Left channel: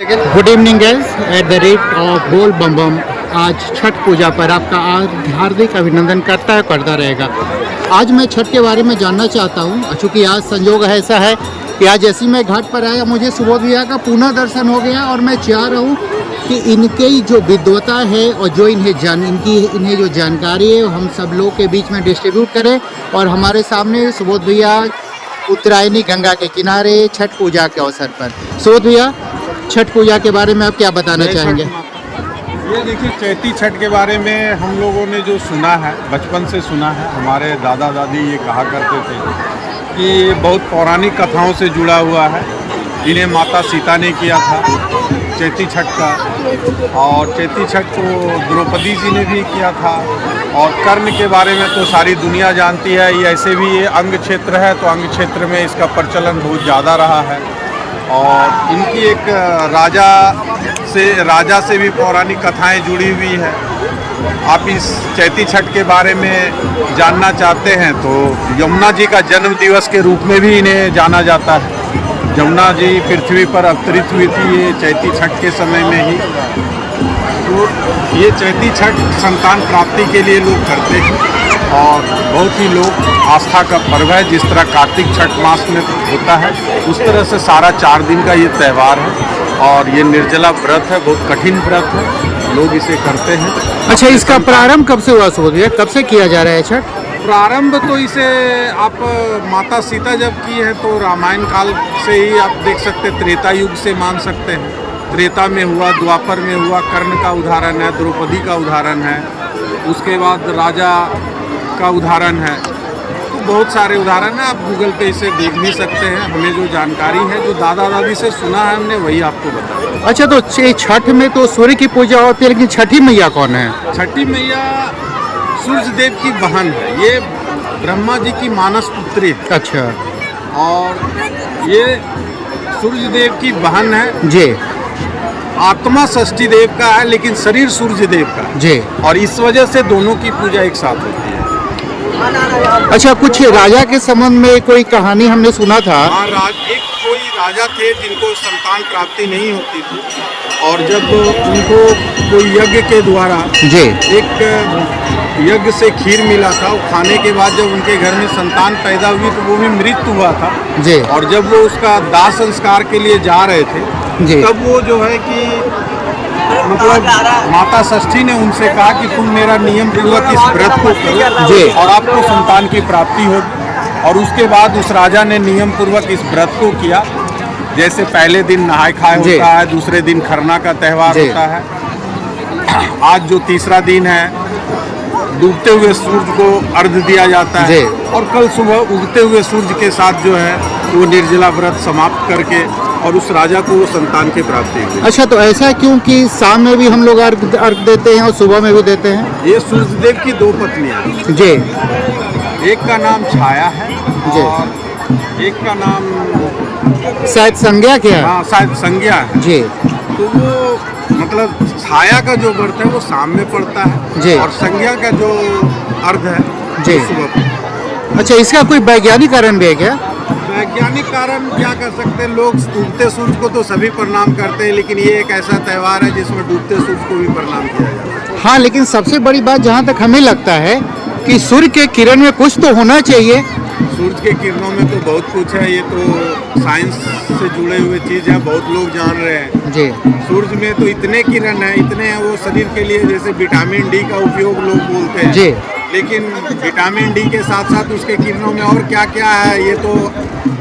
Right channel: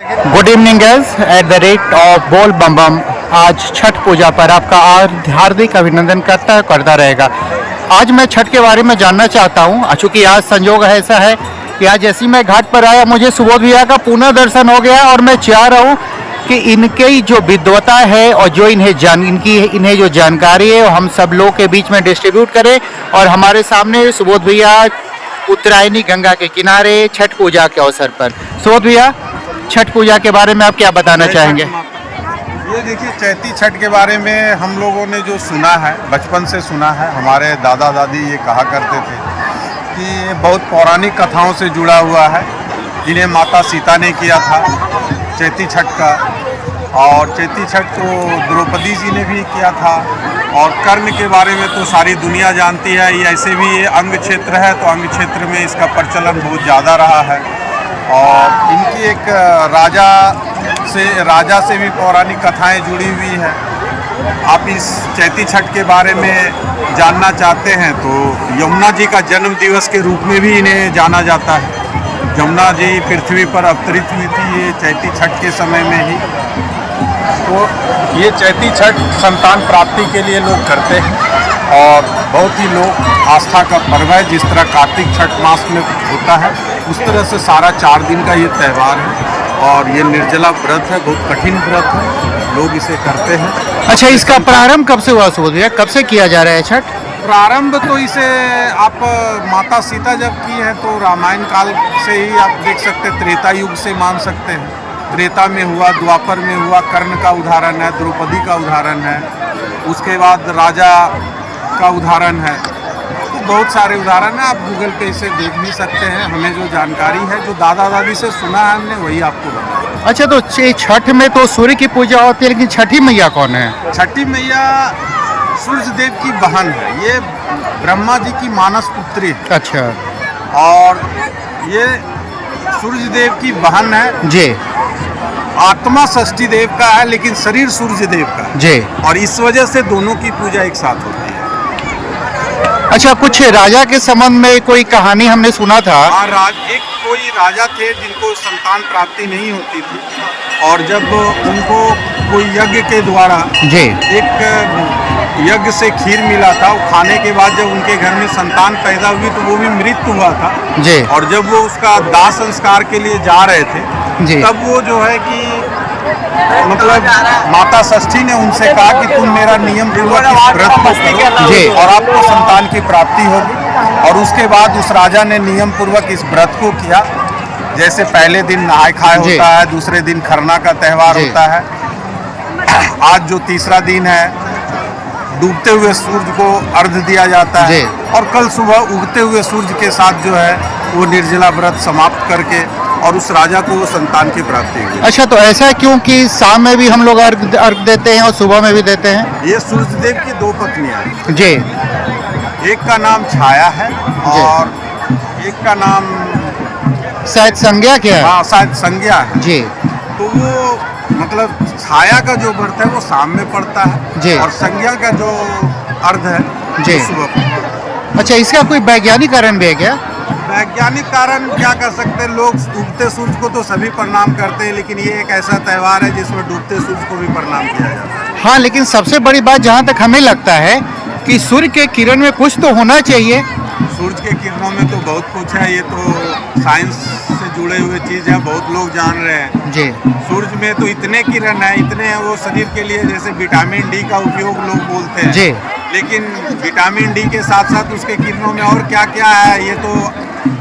Good evening guys at the rate of बोल बम बम। आज छठ पूजा पर आपका हार्दिक अभिनंदन करता रहेगा। आज मैं छठ के बारे में जानना चाहता हूँ, चूँकि आज संयोग ऐसा है कि आज जैसे मैं घाट पर आया मुझे सुबोध भैया का पुनः दर्शन हो गया और मैं चाह रहा हूँ कि इनकी जो विद्वता है और जो इन्हें जो जानकारी है वो हम सब लोग के बीच में डिस्ट्रीब्यूट करें। और हमारे सामने सुबोध भैया उत्तरायणी गंगा के किनारे छठ पूजा के अवसर पर। सुबोध भैया, छठ पूजा के बारे में आप क्या बताना चाहेंगे? ये देखिए, चैती छठ के बारे में हम लोगों ने जो सुना है, बचपन से सुना है, हमारे दादा दादी ये कहा करते थे कि ये बहुत पौराणिक कथाओं से जुड़ा हुआ है। इन्हें माता सीता ने किया था चैती छठ का, और चैती छठ को द्रौपदी जी ने भी किया था। और कर्ण के बारे में तो सारी दुनिया जानती है। ये ऐसे भी ये अंग क्षेत्र है, तो अंग क्षेत्र में इसका प्रचलन बहुत ज़्यादा रहा है। और इनकी एक राजा से भी पौराणिक कथाएं जुड़ी हुई है। आप इस चैती छठ के बारे में जानना चाहते हैं तो यमुना जी का जन्म दिवस के रूप में भी इन्हें जाना जाता है। यमुना जी पृथ्वी पर अवतरित हुई थी ये चैती छठ के समय में ही। तो ये चैती छठ संतान प्राप्ति के लिए लोग करते हैं और बहुत ही लोग आस्था का पर्व है। जिस तरह कार्तिक छठ मास में होता है उस तरह से सारा 4 दिन का ये त्यौहार है। और ये निर्जला व्रत है, बहुत कठिन व्रत है, लोग इसे करते हैं। अच्छा, इसका प्रारंभ कब से हुआ सुबोध भैया? कब से किया जा रहा है छठ? प्रारंभ तो इसे आप माता सीता जब की है तो रामायण काल से ही आप देख सकते, त्रेता युग से मान सकते हैं। त्रेता में हुआ, द्वापर में हुआ, कर्ण का उदाहरण है, द्रौपदी का उदाहरण है, उसके बाद राजा का उदाहरण है। तो बहुत सारे उदाहरण हैं, आप गूगल पे इसे देख भी सकते हैं। हमें जो जानकारी है, जो दादा दादी से सुना है हमने, वही आपको बता रहा हूँ। अच्छा, तो छठ में तो सूर्य की पूजा होती है, लेकिन छठी मैया कौन है? छठी मैया सूर्य देव की बहन है। ये ब्रह्मा जी की मानस पुत्री है। अच्छा। और ये सूर्य देव की बहन है जी। आत्मा षष्ठी देव का है, लेकिन शरीर सूर्य देव का है जी। और इस वजह से दोनों की पूजा एक साथ होती है। अच्छा, कुछ राजा के संबंध में कोई कहानी हमने सुना था। हाँ, एक कोई राजा थे जिनको संतान प्राप्ति नहीं होती थी, और जब उनको कोई यज्ञ के द्वारा जी एक यज्ञ से खीर मिला था, वो खाने के बाद जब उनके घर में संतान पैदा हुई तो वो भी मृत्यु हुआ था जी। और जब वो उसका दाह संस्कार के लिए जा रहे थे जी, तब वो जो है कि मतलब माता षष्ठी ने उनसे कहा कि तुम मेरा नियम पूर्वक इस व्रत को करो जी, और आपको संतान की प्राप्ति होगी। और उसके बाद उस राजा ने नियम पूर्वक इस व्रत को किया। जैसे पहले दिन नहाय खाए होता है, दूसरे दिन खरना का त्यौहार होता है, आज जो तीसरा दिन है डूबते हुए सूर्य को अर्घ्य दिया जाता है, और कल सुबह उगते हुए सूर्य के साथ जो है वो निर्जला व्रत समाप्त करके और उस राजा को वो संतान की प्राप्ति हुई। अच्छा, तो ऐसा क्यों कि शाम में भी हम लोग अर्घ देते हैं और सुबह में भी देते हैं? ये सूर्यदेव की 2 पत्नियां हैं जी। एक का नाम छाया है और एक का नाम शायद संज्ञा क्या है? हाँ, शायद संज्ञा है जी। तो वो मतलब छाया का जो व्रत है वो शाम में पड़ता है जी, और संज्ञा का जो अर्घ है जी वो सुबह पड़ता है। अच्छा, इसका कोई वैज्ञानिक कारण भी है क्या? वैज्ञानिक कारण क्या कर सकते हैं, लोग उगते सूरज को तो सभी प्रणाम करते हैं, लेकिन ये एक ऐसा त्यौहार है जिसमें डूबते सूरज को भी प्रणाम किया जाता है। हाँ, लेकिन सबसे बड़ी बात जहाँ तक हमें लगता है कि सूर्य के किरण में कुछ तो होना चाहिए। सूरज के किरणों में तो बहुत कुछ है, ये तो साइंस से जुड़े हुए चीज़ है, बहुत लोग जान रहे हैं जी। सूरज में तो इतने किरण है, इतने हैं, वो शरीर के लिए जैसे विटामिन डी का उपयोग लोग बोलते हैं जी, लेकिन विटामिन डी के साथ साथ उसके किरणों में और क्या क्या है, ये तो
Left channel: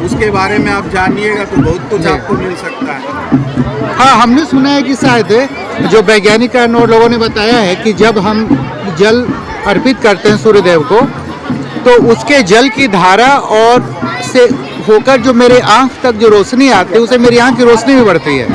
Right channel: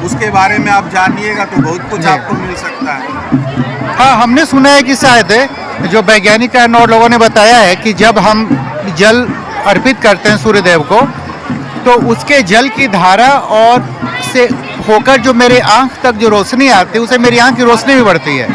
उसके बारे में आप जानिएगा तो बहुत कुछ आपको मिल सकता है। हाँ, हमने सुना है कि शायद जो वैज्ञानिक कारण और लोगों ने बताया है कि जब हम जल अर्पित करते हैं सूर्य देव को तो उसके जल की धारा और से होकर जो मेरे आँख तक जो रोशनी आती है उससे मेरी आँख की रोशनी भी बढ़ती है।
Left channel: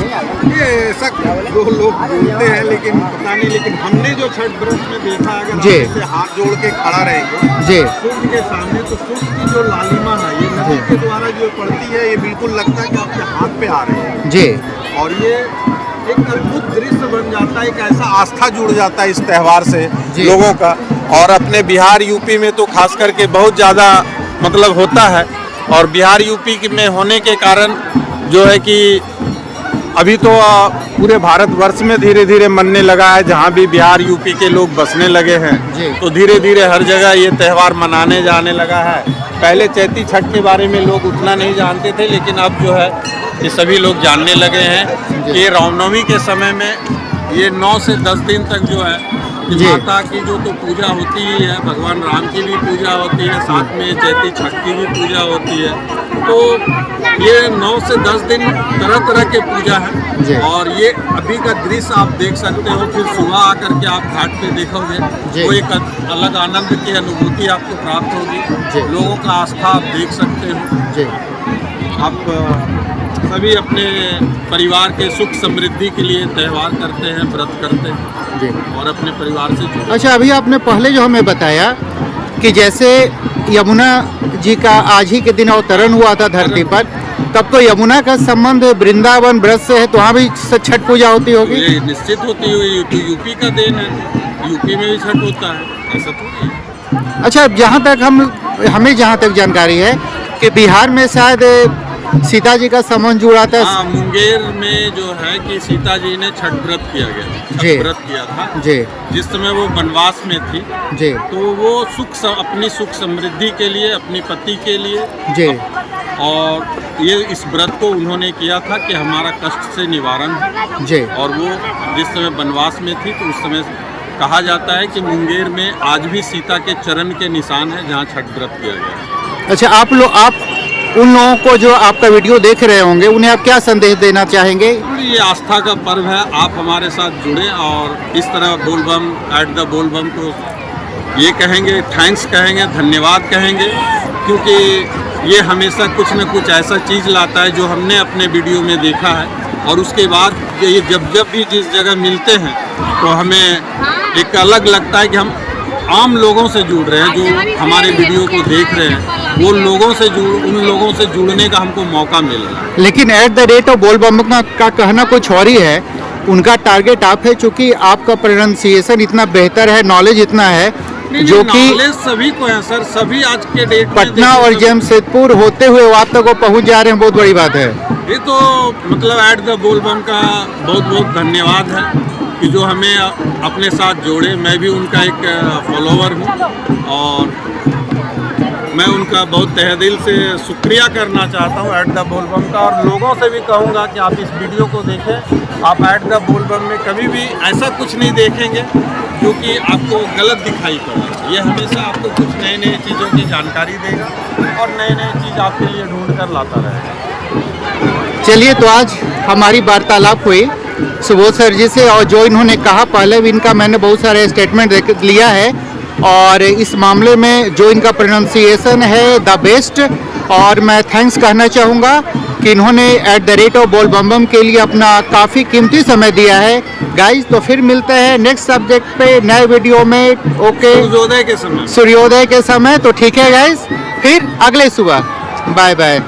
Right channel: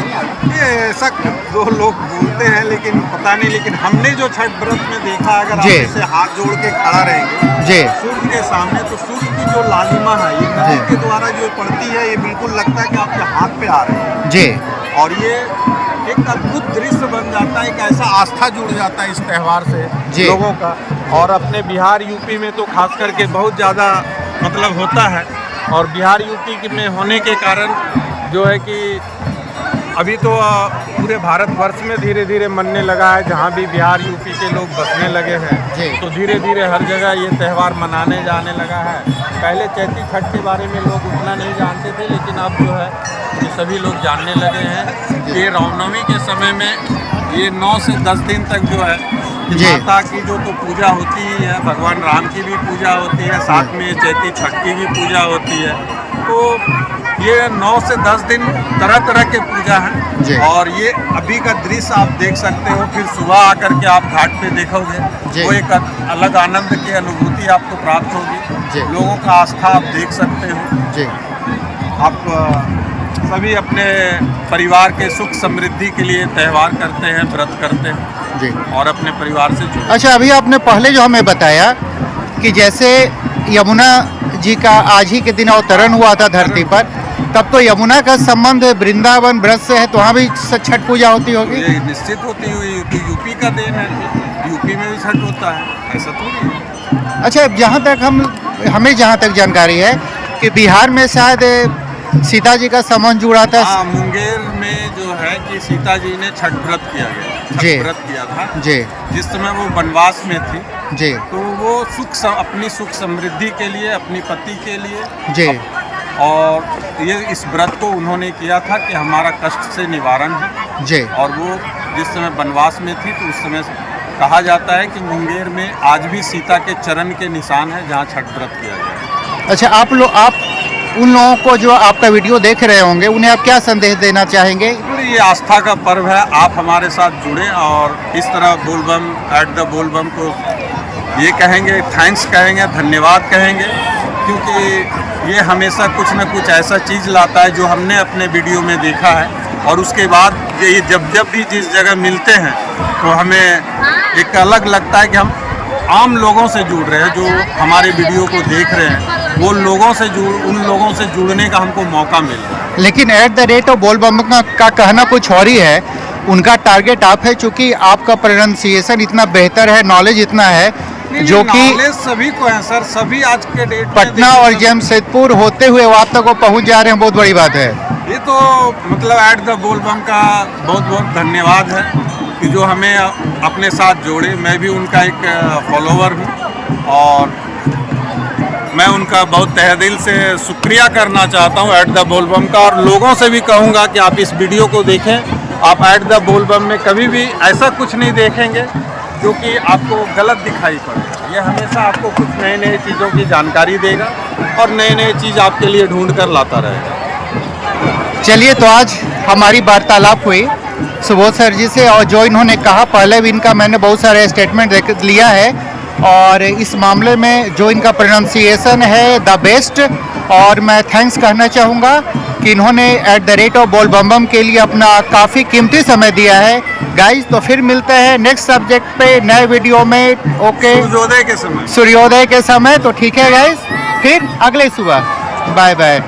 ये ऐसा 2 लोग बोलते हैं, लेकिन पता नहीं। लेकिन हमने जो छठ व्रत में देखा, अगर आप इसे हाथ जोड़ के खड़ा रहेंगे जी सूर्य के सामने, तो सूर्य की जो लालिमा है ये नदी के द्वारा जो पड़ती है, ये बिल्कुल लगता है कि आपके हाथ पे आ रही है जी। और ये एक अद्भुत दृश्य बन जाता है, एक ऐसा आस्था जुड़ जाता है इस त्यौहार से लोगों का। और अपने बिहार यूपी में तो खास करके बहुत ज़्यादा मतलब होता है, और बिहार यूपी में होने के कारण जो है कि अभी तो पूरे भारतवर्ष में धीरे धीरे मनने लगा है, जहाँ भी बिहार यूपी के लोग बसने लगे जी। हैं तो धीरे धीरे हर जगह ये त्यौहार मनाने जाने लगा है। पहले चैती छठ के बारे में लोग उतना नहीं जानते थे, लेकिन अब जो है ये सभी लोग जानने लगे हैं जी। कि रामनवमी के समय में ये 9 से 10 दिन तक जो है कि जी। माता की जो तो पूजा होती ही है, भगवान राम की भी पूजा होती है, साथ में चैती छठ की भी पूजा होती है। तो ये 9 से 10 दिन तरह तरह के पूजा जी। हैं और ये अभी का दृश्य आप देख सकते हो, फिर सुबह आकर के आप घाट पे देखोगे जी। वो एक अलग आनंद की अनुभूति आपको प्राप्त जी। होगी। लोगों का आस्था आप देख सकते हो। जी। आप सभी अपने परिवार के सुख समृद्धि के लिए त्यौहार करते हैं, व्रत करते हैं जी। और अपने परिवार से जुड़े। अच्छा, अभी आपने पहले जो हमें बताया कि जैसे यमुना जी का आज ही के दिन अवतरण हुआ था धरती पर, तब तो यमुना का संबंध वृंदावन ब्रज से है, तो वहाँ भी छठ पूजा होती तो होगी। ये निश्चित होती हुई तो यूपी का देन है, तो यूपी में भी छठ होता है, ऐसा थोड़ी है। अच्छा, जहाँ तक हमें जहाँ तक जानकारी है कि बिहार में शायद सीता जी का संबंध जुड़ा था। हाँ, मुंगेर में जो है कि सीता जी ने छठ व्रत किया गया, जी। छठ व्रत किया था जी। जिस समय वो वनवास में थी। जी। तो वो अपनी सुख समृद्धि के लिए, अपनी पति के लिए जी। और ये इस व्रत को उन्होंने किया था कि हमारा कष्ट से निवारण है। जी। और वो जिस समय वनवास में थी तो उस समय कहा जाता है कि मुंगेर में आज भी सीता के चरण के निशान है जहाँ छठ व्रत किया गया। अच्छा, आप उन लोगों को जो आपका वीडियो देख रहे होंगे उन्हें आप क्या संदेश देना चाहेंगे? ये आस्था का पर्व है, आप हमारे साथ जुड़े और इस तरह बोलबम एट द बोलबम को ये कहेंगे, थैंक्स कहेंगे, धन्यवाद कहेंगे, क्योंकि ये हमेशा कुछ न कुछ ऐसा चीज़ लाता है जो हमने अपने वीडियो में देखा है और उसके बाद ये जब भी जिस जगह मिलते हैं तो हमें एक अलग लगता है कि हम आम लोगों से जुड़ रहे हैं, जो हमारे वीडियो को देख रहे हैं वो उन लोगों से जुड़ने का हमको मौका मिल रहा है। लेकिन एट द रेट ऑफ बोल बम का कहना कुछ और ही है, उनका टारगेट आप है, चूंकि आपका प्रोनाउंसिएशन इतना बेहतर है, नॉलेज इतना है, जो कि नॉलेज सभी को है सर, सभी आज के डेट में पटना और जमशेदपुर होते हुए वहाँ तक वो पहुँच जा रहे हैं, बहुत बड़ी बात है। ये तो मतलब एट द बोलबम का बहुत बहुत धन्यवाद है कि जो हमें अपने साथ जोड़े। मैं भी उनका एक फॉलोवर हूँ और मैं उनका बहुत तहे दिल से शुक्रिया करना चाहता हूँ एट द बोलबम का, और लोगों से भी कहूँगा कि आप इस वीडियो को देखें। आप एट द बोलबम में कभी भी ऐसा कुछ नहीं देखेंगे जो कि आपको गलत दिखाई पड़ेगा। ये हमेशा आपको कुछ नए नए चीज़ों की जानकारी देगा और नए नए चीज़ आपके लिए ढूंढ कर लाता रहेगा। चलिए, तो आज हमारी वार्तालाप हुई सुबोध सर जी से, और जो इन्होंने कहा, पहले भी इनका मैंने बहुत सारे स्टेटमेंट लिया है और इस मामले में जो इनका प्रोनाउंसिएशन है द बेस्ट, और मैं थैंक्स कहना चाहूँगा कि इन्होंने एट द रेट ऑफ बोल बम बम के लिए अपना काफ़ी कीमती समय दिया है। गाइस, तो फिर मिलते हैं नेक्स्ट सब्जेक्ट पे नए वीडियो में। ओके, सूर्योदय के समय। सूर्योदय के समय। तो ठीक है गाइस, फिर अगले सुबह। Bye bye.